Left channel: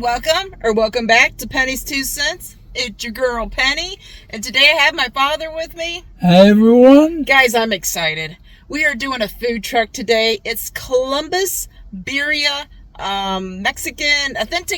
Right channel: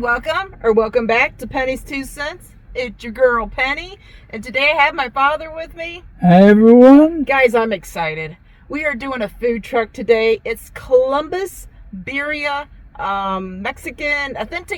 Welcome back to Penny's 2 Cents. It's your girl Penny, and today I have my father with me. Hi everyone. Guys, I'm excited. We are doing a food truck today. It's Columbus Birria, authentic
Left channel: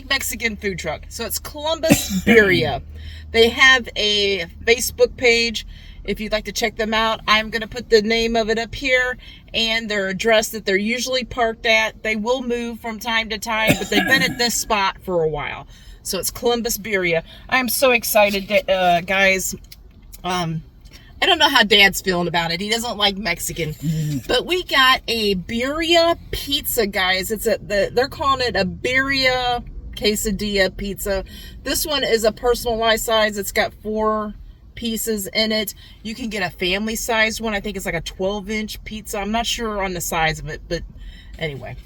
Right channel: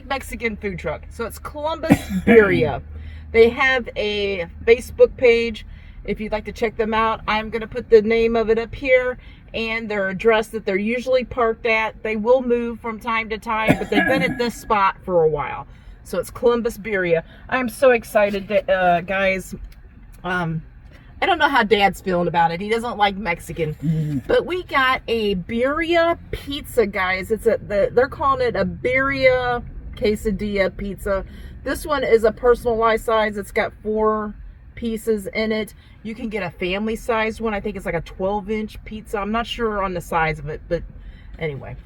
Mexican food truck. So it's Columbus Birria. They have a Facebook page. If you'd like to check them out, I'm going to put the name of it up here and their address that they're usually parked at. They will move from time to time, but they've been at this spot for a while. So it's Columbus Birria. I'm so excited, guys. I don't know how Dad's feeling about it. He doesn't like Mexican. But we got a Birria pizza, guys. They're calling it a Birria quesadilla pizza. This one is a personalized size. It's got 4 pieces in it. You can get a family sized one. I think it's like a 12-inch pizza. I'm not sure on the size of it, but anyway,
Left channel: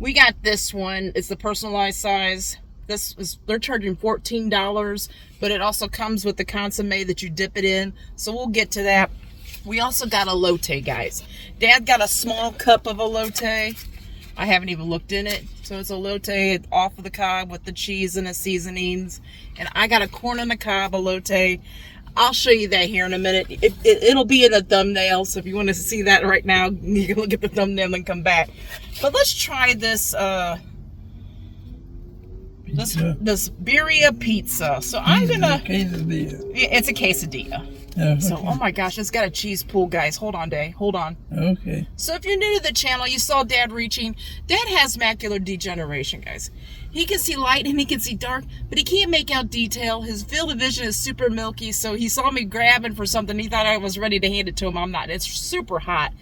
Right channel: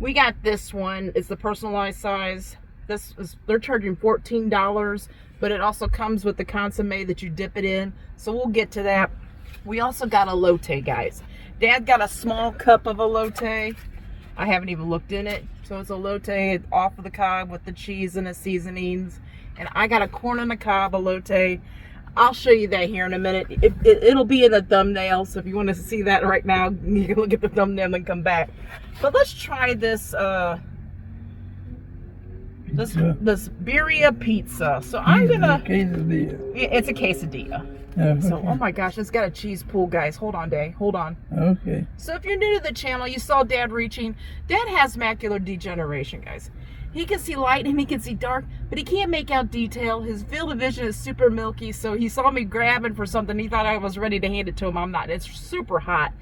we got this one. It's the personalized size. They're charging $14, but it also comes with the consomme that you dip it in, so we'll get to that. We also got elote, guys. Dad got a small cup of elote. I haven't even looked in it. So it's elote off of the cob with the cheese and the seasonings, and I got a corn on the cob elote. I'll show you that here in a minute. It'll be in the thumbnail, so if you want to see that right now, you can look at the thumbnail and come back. But let's try this this Birria pizza. So I'm gonna. It's a quesadilla. Okay. So, oh my gosh, it's got a cheese pool, guys. Hold on, Day. Hold on. Okay. So if you're new to the channel, you saw Dad reaching. Dad has macular degeneration, guys. He can see light and he can see dark, but he can't make out detail. His field of vision is super milky, so he saw me grabbing for something. He thought I was ready to hand it to him. I'm not. It's super hot.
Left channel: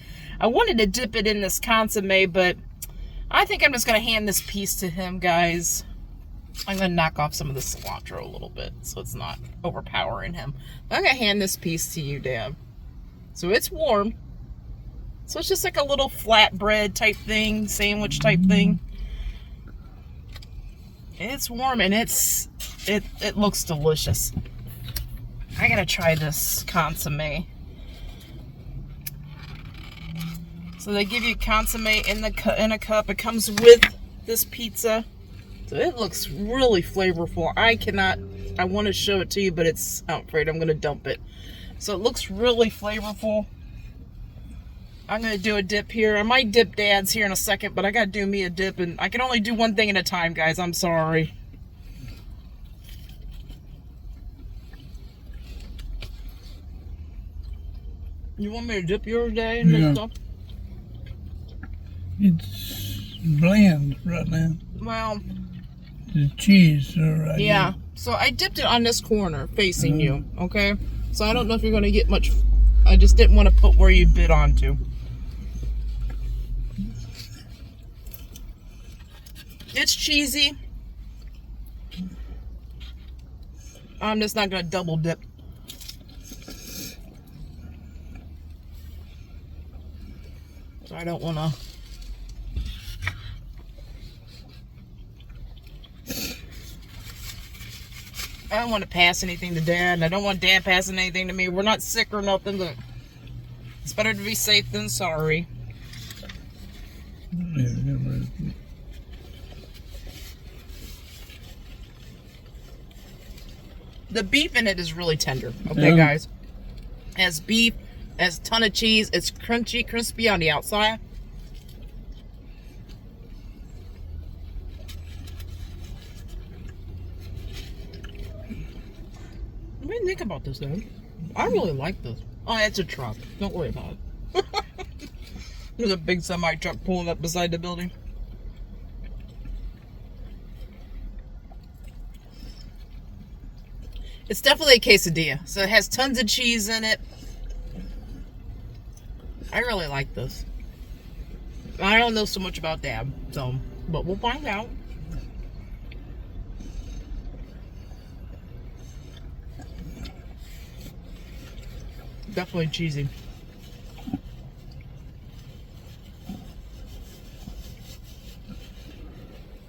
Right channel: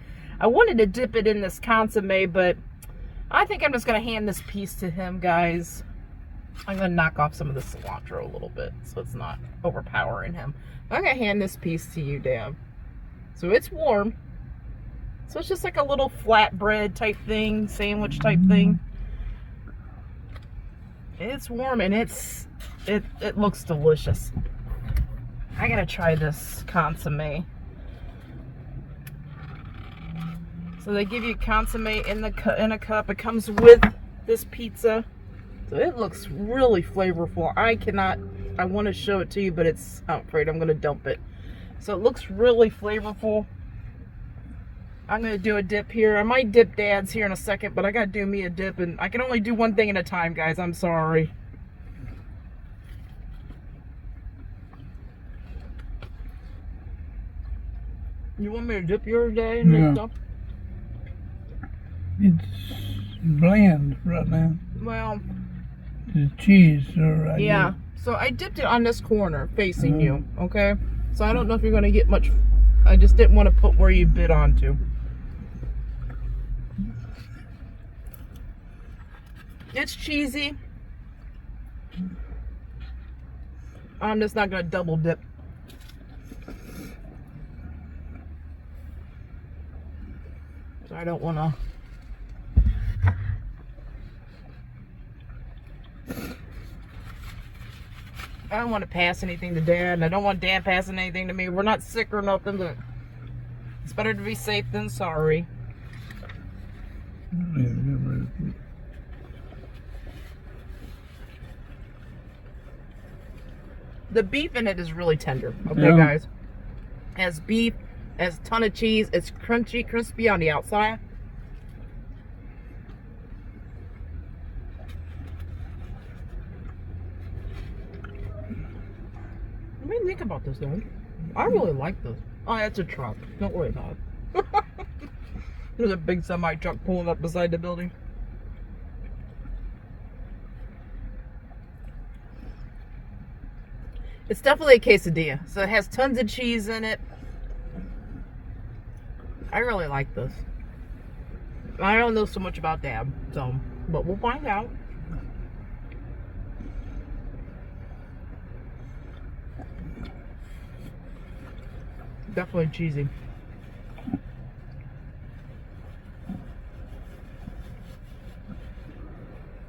I wanted to dip it in this consomme, but I think I'm just going to hand this piece to him, guys. I'm going to knock off some of the cilantro a little bit so it's not overpowering him. I'm going to hand this piece to you, Dad. So it's warm. So it's just like a little flatbread type thing, sandwich type thing. It's warm and it looks delicious. I gotta try this consomme. So they give you consomme in a cup. It comes with this pizza. So it looks really flavorful. I want to show it to you, but I'm afraid I'm gonna dump it. So it looks really flavorful. I'm going to do a dip here. I might dip Dad's here in a second, but I got to do me a dip, and I can only do one thing at a time, guys. I'm sorry. You want me to dip yours, Dad? And Yeah. stuff? It's bland right now. Well, The cheese right yeah. here. So I dipped it on this corner facing you, okay? So I don't know if you're going to get much. I just didn't want to put where you bit onto. It's cheesy. I'm just not going to double dip. So I don't want to. I don't want to pass anything to Dad, and I don't want Dad passing anything to me. We're not sick or nothing, but it's better to be safe than sorry. The beef in it is really tender. Okay, guys. It has beef, it has a ton of cheese. It's crunchy, crispy on the outside. What do you think about this, Dad? I really like this. Oh, it's a truck. Don't worry about it. There's a big semi truck pulling up beside the building. It's definitely a quesadilla. So it has tons of cheese in it. I really like this. I don't know so much about Dad, so, but we'll find out. Definitely cheesy.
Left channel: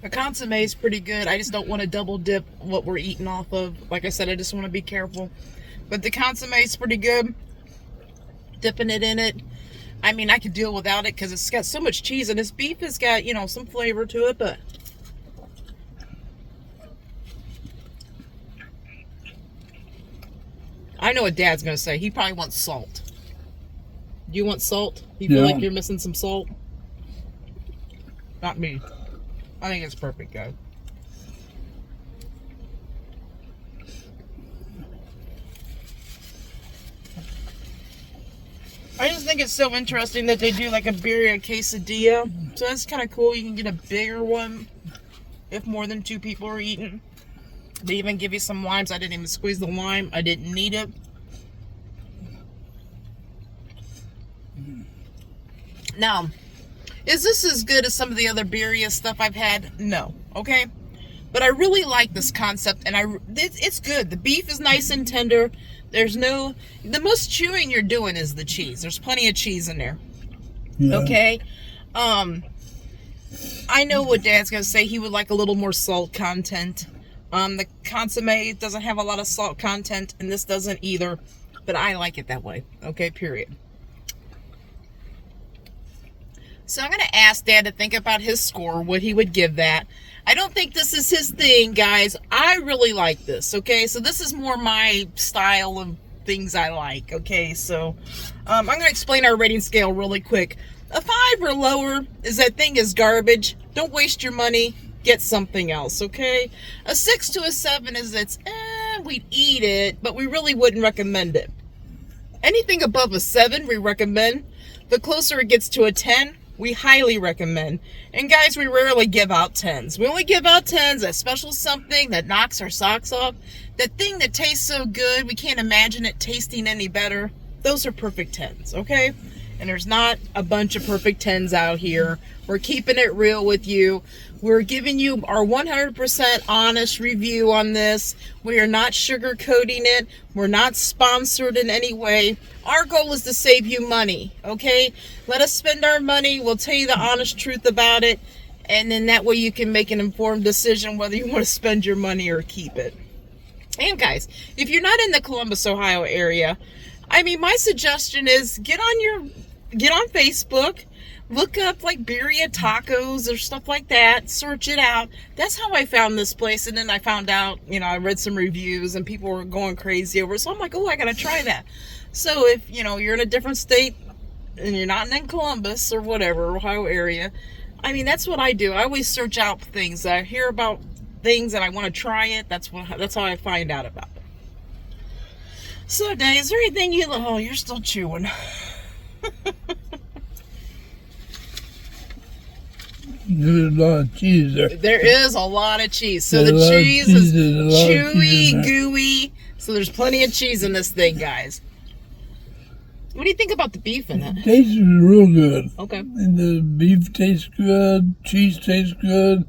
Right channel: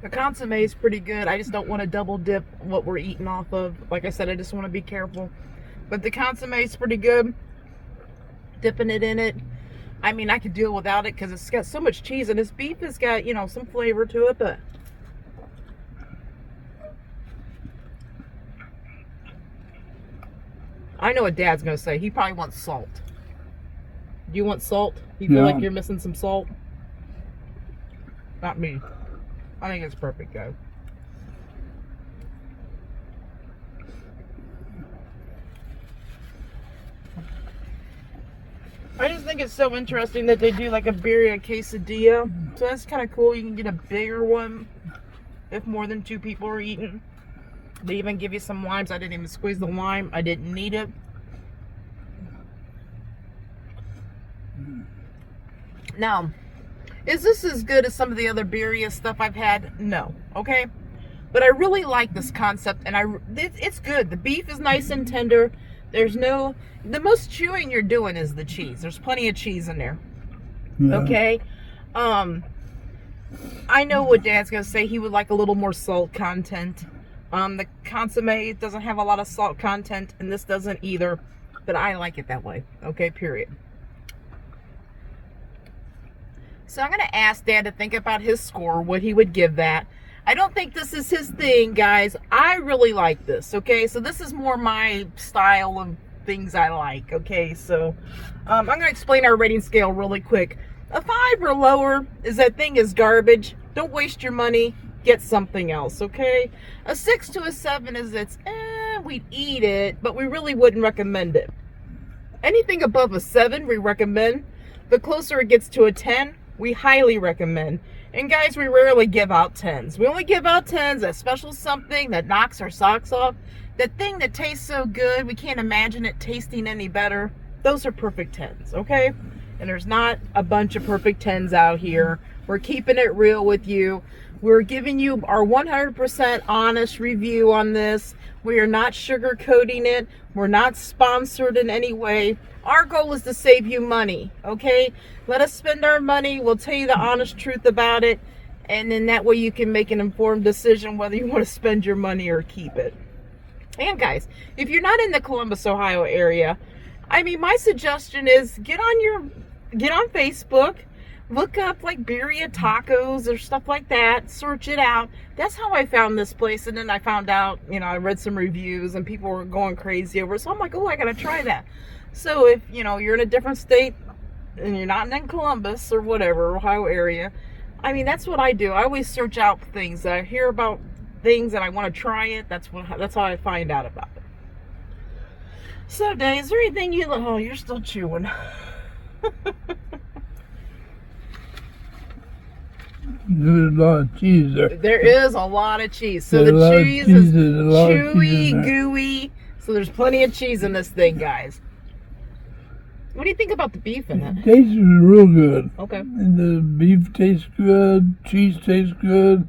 The consomme is pretty good. I just don't want to double dip what we're eating off of. Like I said, I just want to be careful. But the consomme is pretty good. Dipping it in it. I mean, I could deal without it because it's got so much cheese, and this beef has got, you know, some flavor to it, but I know what Dad's going to say. He probably wants salt. Do you want salt? You feel like you're missing some salt? Not me. I think it's perfect, guys. I just think it's so interesting that they do like a birria quesadilla. So that's kind of cool. You can get a bigger one if more than 2 people are eating. They even give you some limes. I didn't even squeeze the lime. I didn't need it. Now, is this as good as some of the other birria stuff I've had? No. Okay? But I really like this concept, and it's good. The beef is nice and tender. There's no... The most chewing you're doing is the cheese. There's plenty of cheese in there. Yeah. Okay? I know what Dad's going to say. He would like a little more salt content. The consomme doesn't have a lot of salt content, and this doesn't either. But I like it that way. Okay, period. So I'm going to ask Dad to think about his score, what he would give that. I don't think this is his thing, guys. I really like this, okay? So this is more my style of things I like, okay? So I'm going to explain our rating scale really quick. A 5 or lower is that thing is garbage. Don't waste your money. Get something else, okay? A 6 to a 7 is we'd eat it, but we really wouldn't recommend it. Anything above a 7, we recommend. The closer it gets to a 10, we highly recommend. And guys, we rarely give out 10s. We only give out 10s, that special something that knocks our socks off. That thing that tastes so good, we can't imagine it tasting any better. Those are perfect 10s, okay? And there's not a bunch of perfect 10s out here. We're keeping it real with you. We're giving you our 100% honest review on this. We are not sugarcoating it. We're not sponsored in any way. Our goal is to save you money, okay? Let us spend our money. We'll tell you the honest truth about it. And then that way you can make an informed decision whether you want to spend your money or keep it. And guys, if you're not in the Columbus, Ohio area, I mean, my suggestion is get on Facebook. Look up like birria tacos or stuff like that. Search it out. That's how I found this place. And then I found out, I read some reviews and people were going crazy over it. So I'm like, oh, I got to try that. So if, you're in a different state and you're not in Columbus or whatever, Ohio area, I mean, that's what I do. I always search out things. I hear about things and I want to try it. That's how I find out about it. So, Dave, is there anything you're still chewing. There's a lot of cheese there. There is a lot of cheese. So the cheese is chewy, gooey. So there's plenty of cheese in this thing, guys. What do you think about the beef in it? It tastes real good. Okay. And the beef tastes good. Cheese tastes good.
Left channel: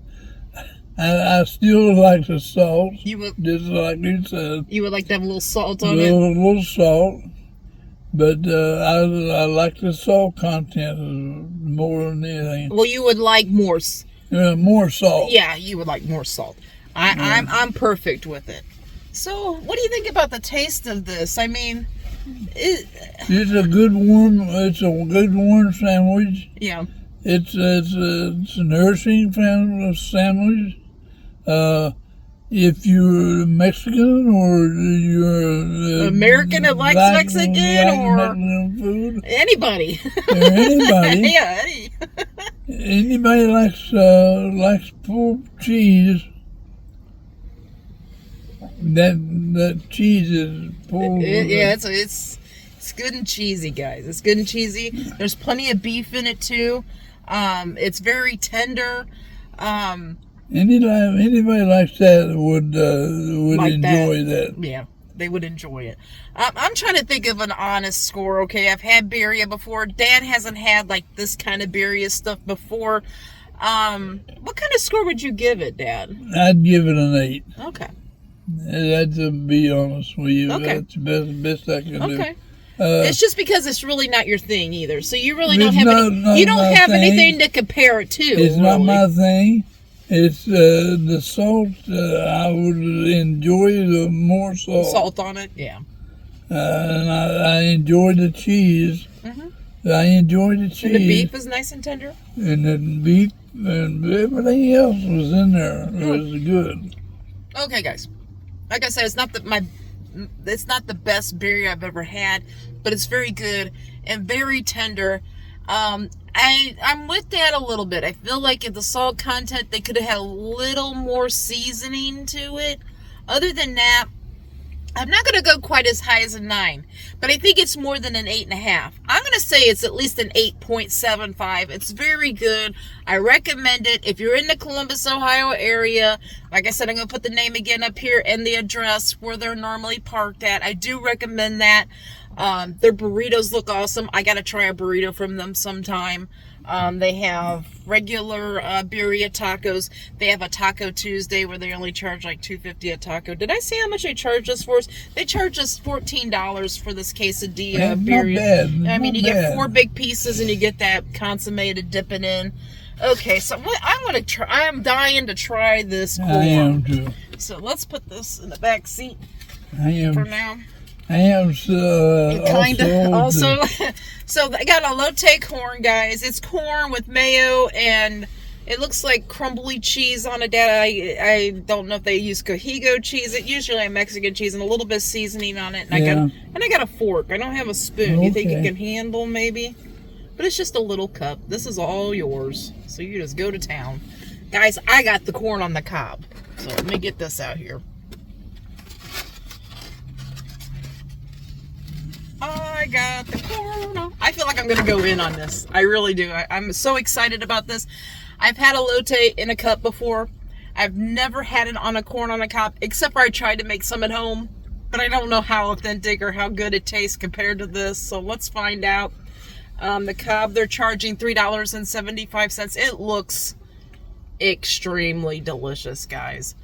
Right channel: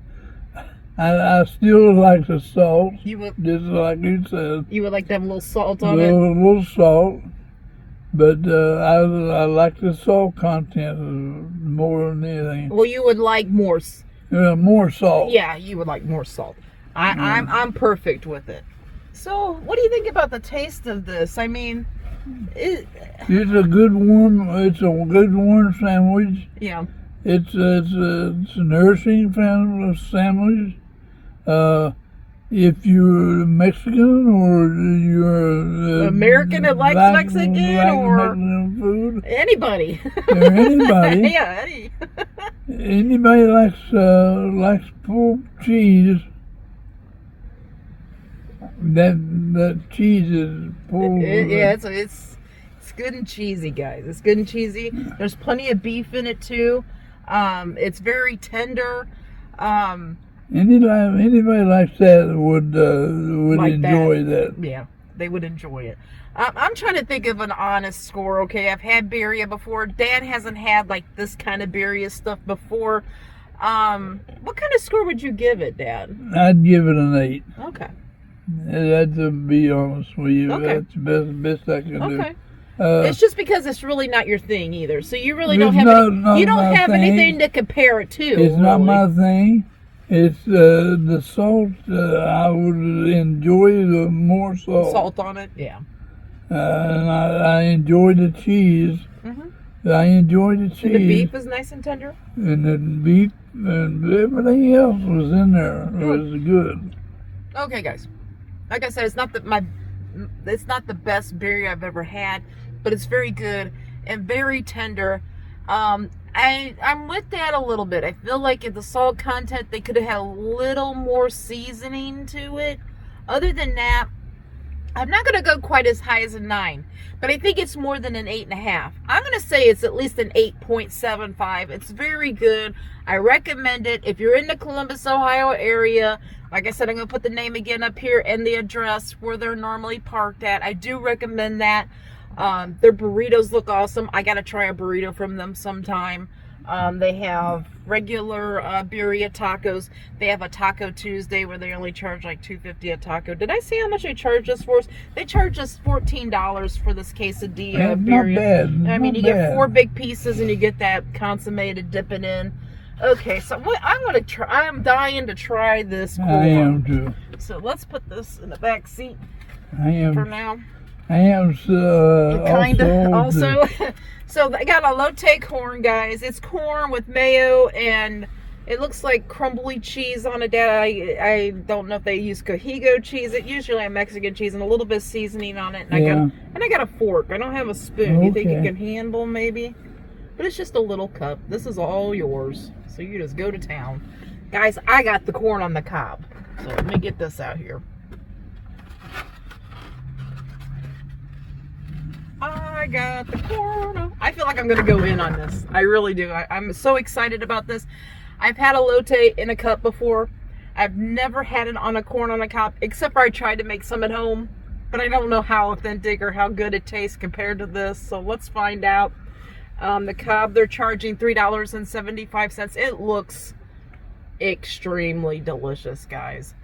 I still like the salt. Just like you said. You would like to have a little salt on it? A little salt. But I like the salt content more than anything. Well, you would like more. More salt. Yeah, you would like more salt. I'm perfect with it. So, what do you think about the taste of this? I mean, it's a good warm. It's a good warm sandwich. Yeah. It's a nourishing sandwich. If you're Mexican or you're American that likes Mexican or Mexican food, anybody, yeah, anybody likes pulled cheese. That cheese is pulled. Yeah, it's good and cheesy, guys. It's good and cheesy. There's plenty of beef in it too. It's very tender. Anybody likes that would like enjoy that. Yeah, they would enjoy it. I'm trying to think of an honest score. Okay, I've had birria before. Dad hasn't had like this kind of birria stuff before. What kind of score would you give it, Dad? I'd give it an 8. Okay. That's to be honest with you. Okay. That's the best I can do. Okay. It's just because it's really not your thing either. So you really don't have anything to compare it to. It's not my thing. It's the salt. I would enjoy the more salt. Salt on it, yeah. And I enjoy the cheese. Mm-hmm. I enjoy the cheese. And the beef is nice and tender. And the beef and everything else was in there. It was good. Okay, guys. Like I said, it's not my it's not the best birria I've ever had, but it's very good and very tender. I'm with that a little bit. I feel like in the salt content, they could have had a little more seasoning to it. Other than that, I'm not going to go quite as high as a 9, but I think it's more than an 8.5. I'm going to say it's at least an 8.75. It's very good. I recommend it. If you're in the Columbus, Ohio area, like I said, I'm going to put the name again up here and the address where they're normally parked at. I do recommend that. Their burritos look awesome. I got to try a burrito from them sometime. They have regular birria tacos. They have a Taco Tuesday where they only charge like $2.50 a taco. Did I say how much they charge us for? They charge us $14 for this quesadilla birria. Not bad. I mean, Not you get bad. 4 big pieces and you get that consomme to dip it in. Okay, so what I'm gonna try. I am dying to try this corn. I am too. So let's put this in the back seat I am. for now. I am Kind of also. So they got elote corn, guys. It's corn with mayo and it looks like crumbly cheese on it. I don't know if they use Cohigo cheese. It usually a Mexican cheese and a little bit of seasoning on it. And I got a fork. I don't have a spoon. You think you can handle maybe? But it's just a little cup. This is all yours. So you just go to town. Guys, I got the corn on the cob. So let me get this out here. I got the corn. I feel like I'm going to go in on this. I really do. I'm so excited about this. I've had elote in a cup before. I've never had it on a corn on a cob, except for I tried to make some at home. But I don't know how authentic or how good it tastes compared to this. So let's find out. The cob, they're charging $3.75. It looks extremely delicious, guys.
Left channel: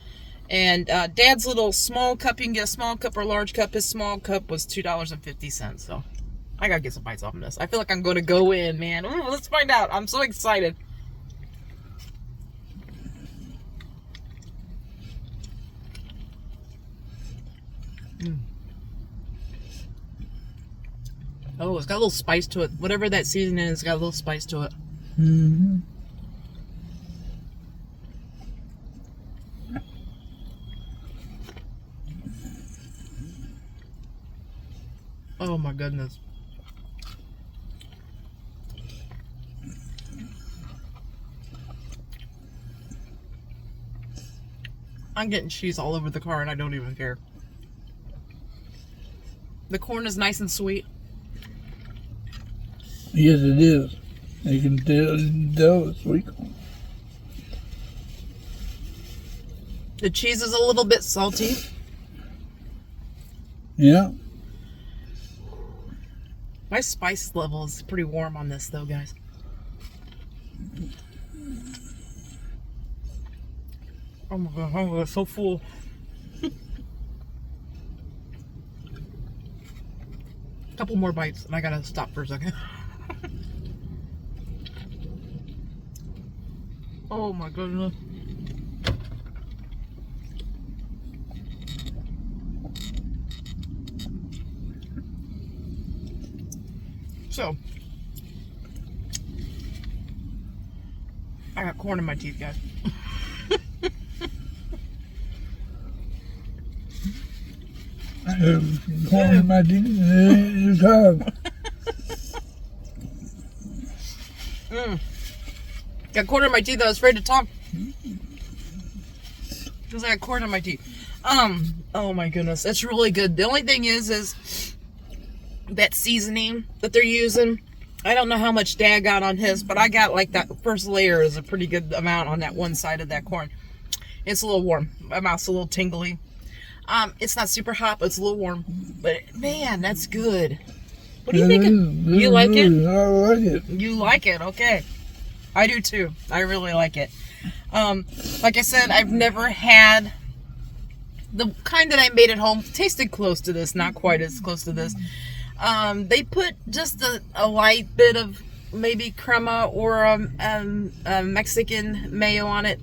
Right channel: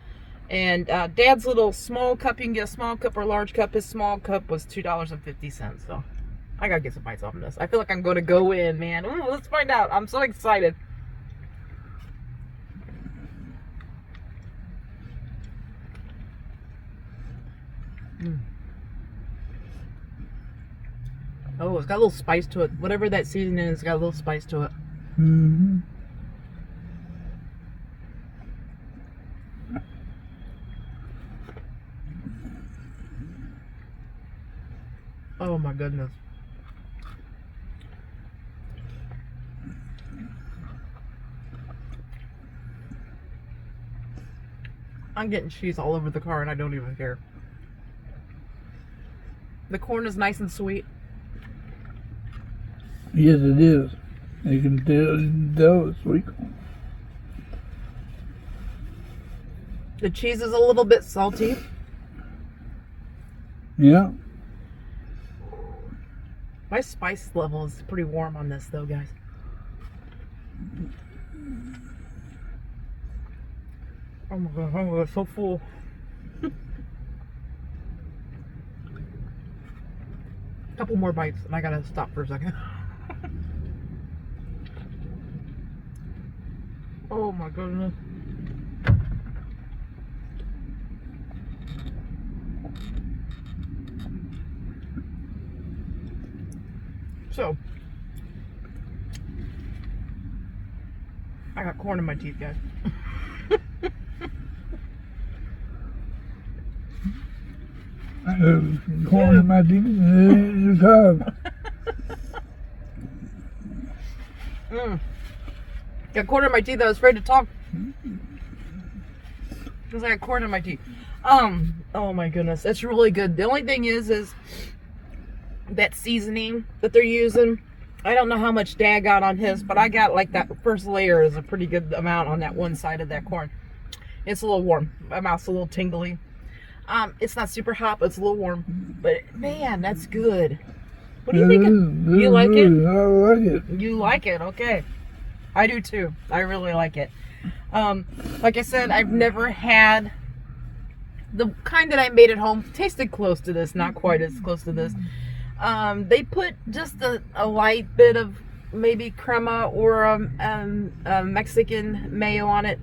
And Dad's little small cup, you can get a small cup or a large cup. His small cup was $2.50. So I gotta get some bites off of this. I feel like I'm gonna go in, man. Ooh, let's find out. I'm so excited. Oh, it's got a little spice to it. Whatever that seasoning is, it's got a little spice to it. Mm-hmm. Oh my goodness. I'm getting cheese all over the car and I don't even care. The corn is nice and sweet. Yes, it is. You can tell it's sweet corn. The cheese is a little bit salty. Yeah. My spice level is pretty warm on this though, guys. Oh my god, I'm so full. Couple more bites and I gotta stop for a second. Oh my goodness. So, I got corn in my teeth, guys. I have corn in my teeth and cob. Got corn in my teeth. I was afraid to talk because I got corn in my teeth. Oh my goodness, that's really good. The only thing is that seasoning that they're using. I don't know how much Dad got on his, but I got like that first layer is a pretty good amount on that one side of that corn. It's a little warm. My mouth's a little tingly. It's not super hot, but it's a little warm. But man, that's good. What do you think? You like it? I like it. You like it? Okay. I do too. I really like it. Like I said, I've never had the kind that I made at home. Tasted close to this, not quite as close to this. They put just a light bit of maybe crema or a Mexican mayo on it,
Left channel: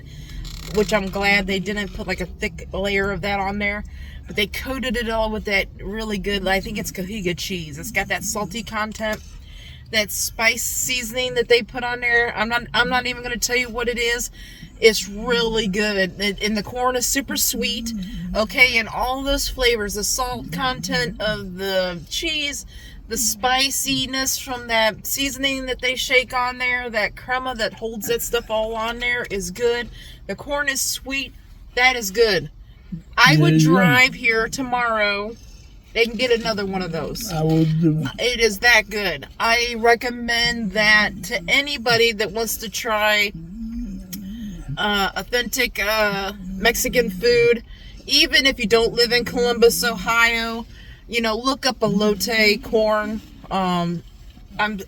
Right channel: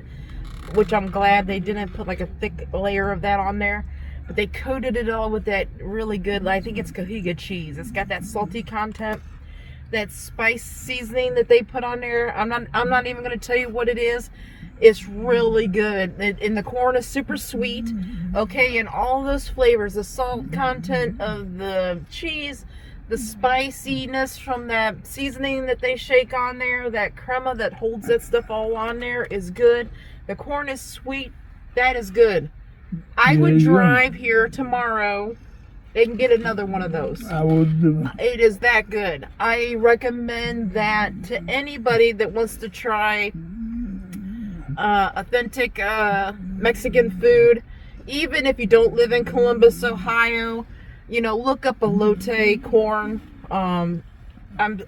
which I'm glad they didn't put like a thick layer of that on there. But they coated it all with that really good, I think it's Cohiga cheese. It's got that salty content. that spice seasoning that they put on there. I'm not even going to tell you what it is. It's really good. And the corn is super sweet. Okay, and all those flavors, the salt content of the cheese, the spiciness from that seasoning that they shake on there, that crema that holds that stuff all on there is good. The corn is sweet. That is good. I would drive here tomorrow and get another one of those. I would do. It is that good. I recommend that to anybody that wants to try authentic Mexican food. Even if you don't live in Columbus, Ohio, look up elote corn. I'm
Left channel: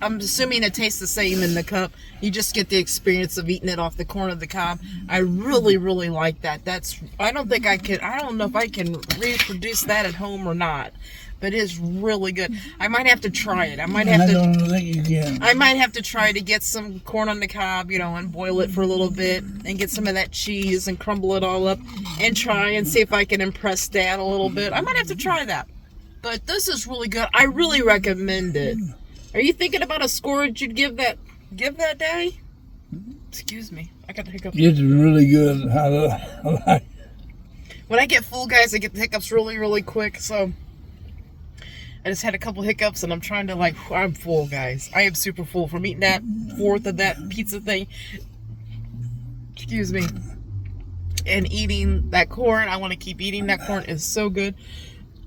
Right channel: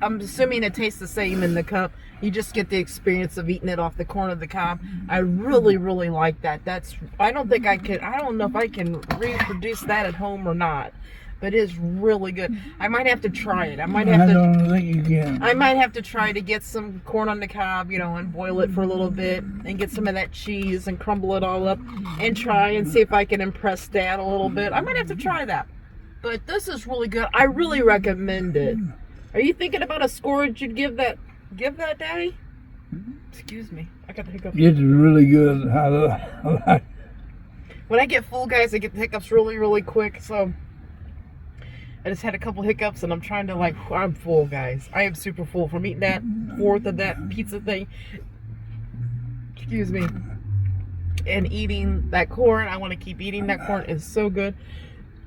assuming it tastes the same in the cup. You just get the experience of eating it off the corn of the cob. I really, really like that. I don't know if I can reproduce that at home or not, but it is really good. I might have to try it. I don't think you can. I might have to try to get some corn on the cob, and boil it for a little bit and get some of that cheese and crumble it all up and try and see if I can impress Dad a little bit. I might have to try that. But this is really good. I really recommend it. Are you thinking about a score that you'd give that day? Excuse me. I got the hiccups. It's really good. I like. When I get full, guys, I get the hiccups really, really quick. So I just had a couple hiccups, and I'm trying to I'm full, guys. I am super full from eating that fourth of that pizza thing. Excuse me. And eating that corn. I want to keep eating that corn. It's so good.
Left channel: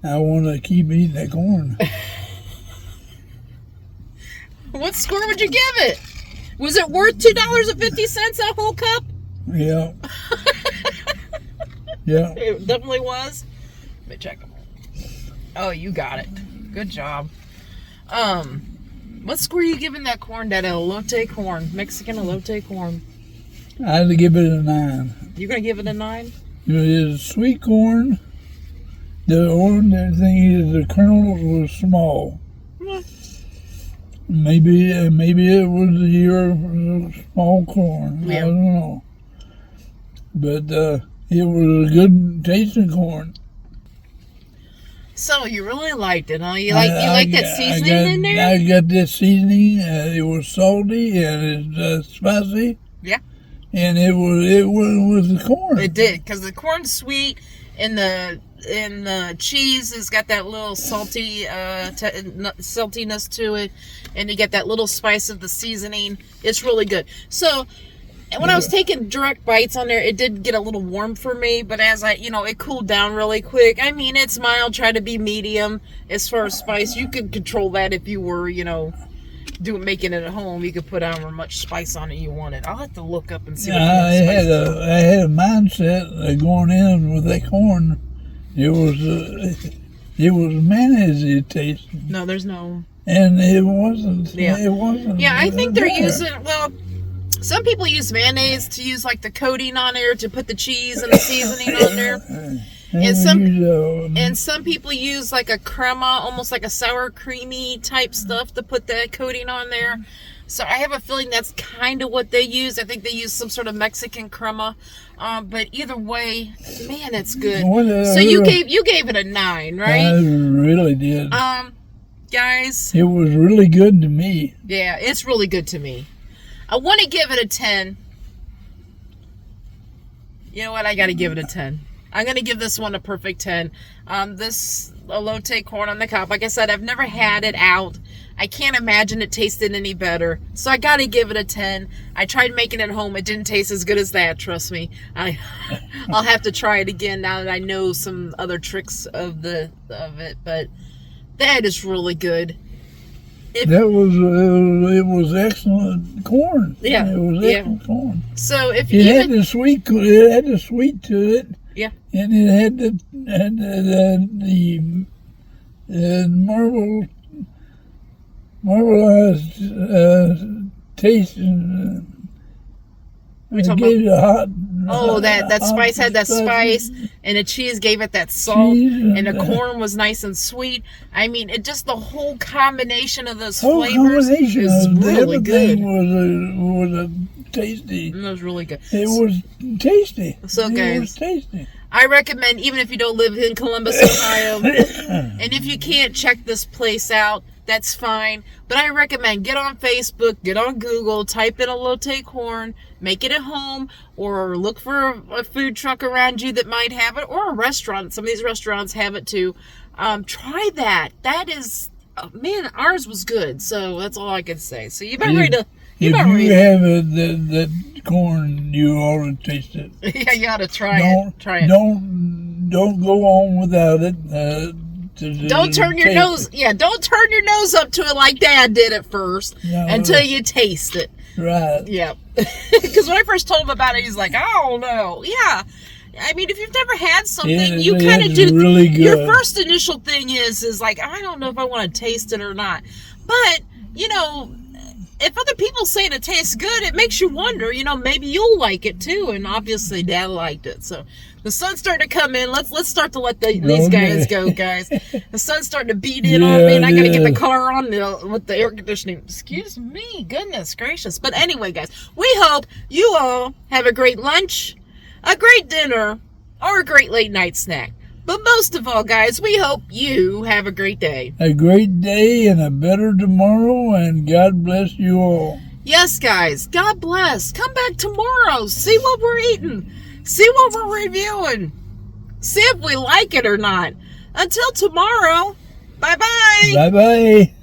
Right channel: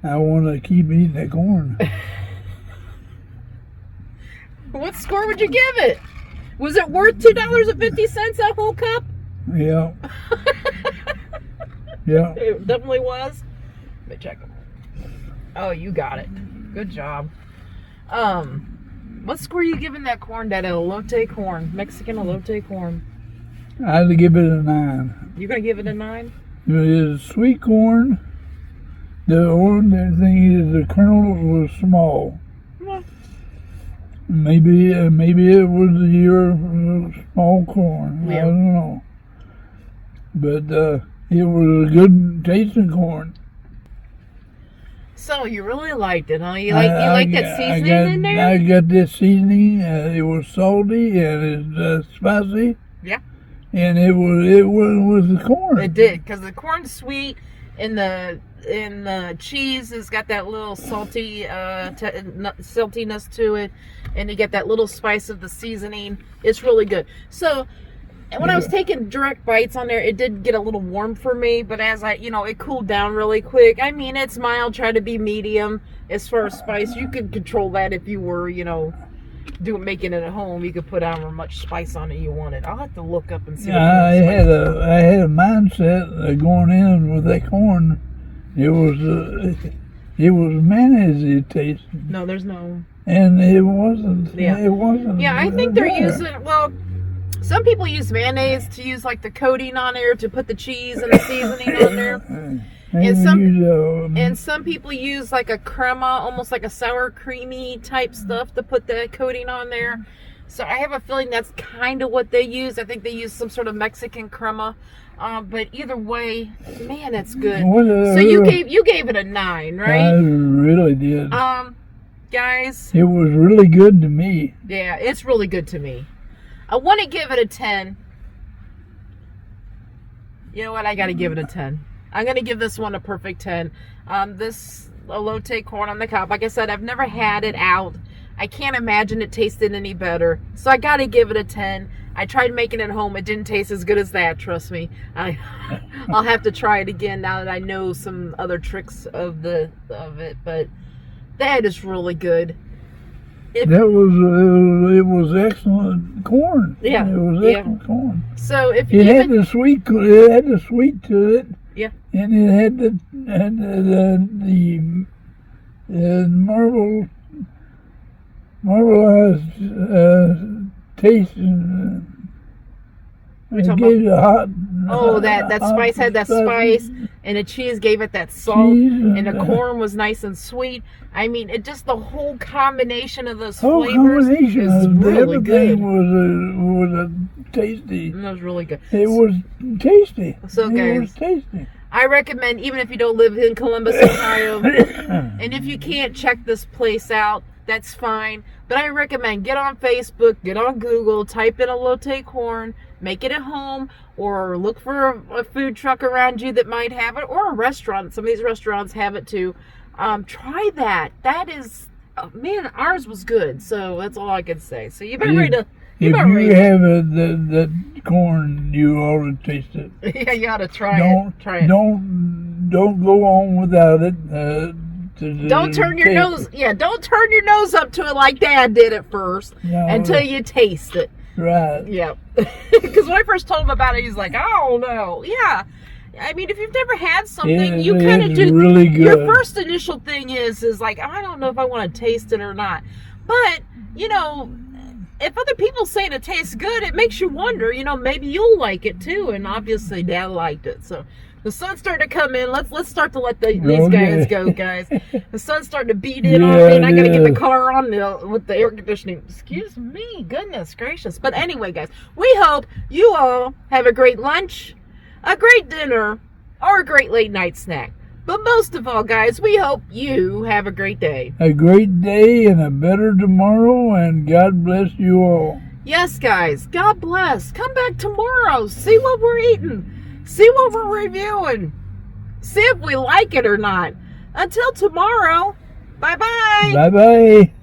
I want to keep eating that corn. What score would you give it? Was it worth $2.50 that whole cup? Yeah. Yeah. It definitely was. Let me check. Oh, you got it. Good job. What score are you giving that corn? That elote corn, Mexican elote corn. I'd give it a 9. You're gonna give it a 9? It's sweet corn. The ordinary thing is the kernels were small. Yeah. Maybe it was your small corn. Yeah. I don't know. But it was a good tasting corn. So you really liked it, huh? You like that seasoning in there? I got this seasoning. It was salty and it's spicy. Yeah. And it was the corn. It did, because the corn's sweet, and the cheese has got that little salty saltiness to it, and you get that little spice of the seasoning. It's really good. So when I was taking direct bites on there, it did get a little warm for me, but as it cooled down really quick. I mean, it's mild, try to be medium as far as spice. You could control that if you were, making it at home. You could put however much spice on it you wanted. I'll have to look up and see. I had a mindset of going in with that corn. It was mayonnaise taste. No, there's no. And it wasn't. Yeah. It wasn't. Yeah, I think they're using. Well, some people use mayonnaise to use the coating on there to put the cheese and the seasoning on there. And some people use a crema, almost like a sour creamy type stuff to put that coating on there. So I have a feeling that's kind of what they use. I think they use some sort of Mexican crema. But either way, man, it's good. So you gave it a 9, right? I really did. Guys, it was really good to me. Yeah, it's really good to me. I want to give it a 10. You know what? I got to give it a 10. I'm going to give this one a perfect 10. This elote corn on the cob, like I said, I've never had it out. I can't imagine it tasted any better. So I got to give it a 10. I tried making it at home. It didn't taste as good as that, trust me. I'll have to try it again now that I know some other tricks of it. But that is really good. It was excellent corn. Yeah. It was excellent corn. So if it had the sweet to it. Yeah. And it had the marbleized taste. It gave it a hot. Oh, that spice had that spice, and the cheese gave it that salt, and the corn was nice and sweet. I mean, the whole combination of those flavors is really good. Was tasty. It was really good. It was tasty. So, guys, it was tasty. I recommend, even if you don't live in Columbus, Ohio, and if you can't check this place out, that's fine. But I recommend get on Facebook, get on Google, type in elote corn, make it at home, or look for a food truck around you that might have it, or a restaurant. Some of these restaurants have it too. Try that. That is, man, ours was good. So that's all I can say. So you better read it. If you have that corn, you ought to taste it. Yeah, you ought to try it. Try it. Don't go on without it. Don't turn your nose. Yeah, don't turn your nose up to it like Dad did at first until you taste it. Right. Yeah. Because when I first told him about it, he's like, I don't know. Yeah. I mean, if you've never had something, you kind of do. Really good. Your first initial thing is like, I don't know if I want to taste it or not. But you know, if other people say it tastes good, it makes you wonder, you know, maybe you'll like it too. And obviously Dad liked it. So the sun's starting to come in. Let's start to let these guys go, guys. The sun's starting to beat in on me, and I got to get the car on with the air conditioning. Excuse me. Goodness gracious. But anyway, guys, we hope you all have a great lunch, a great dinner, or a great late night snack. But most of all, guys, we hope you have a great day. A great day and a better tomorrow, and God bless you all. Yes, guys, God bless. Come back tomorrow. See what we're eating. See what we're reviewing. See if we like it or not. Until tomorrow, bye-bye. Bye-bye.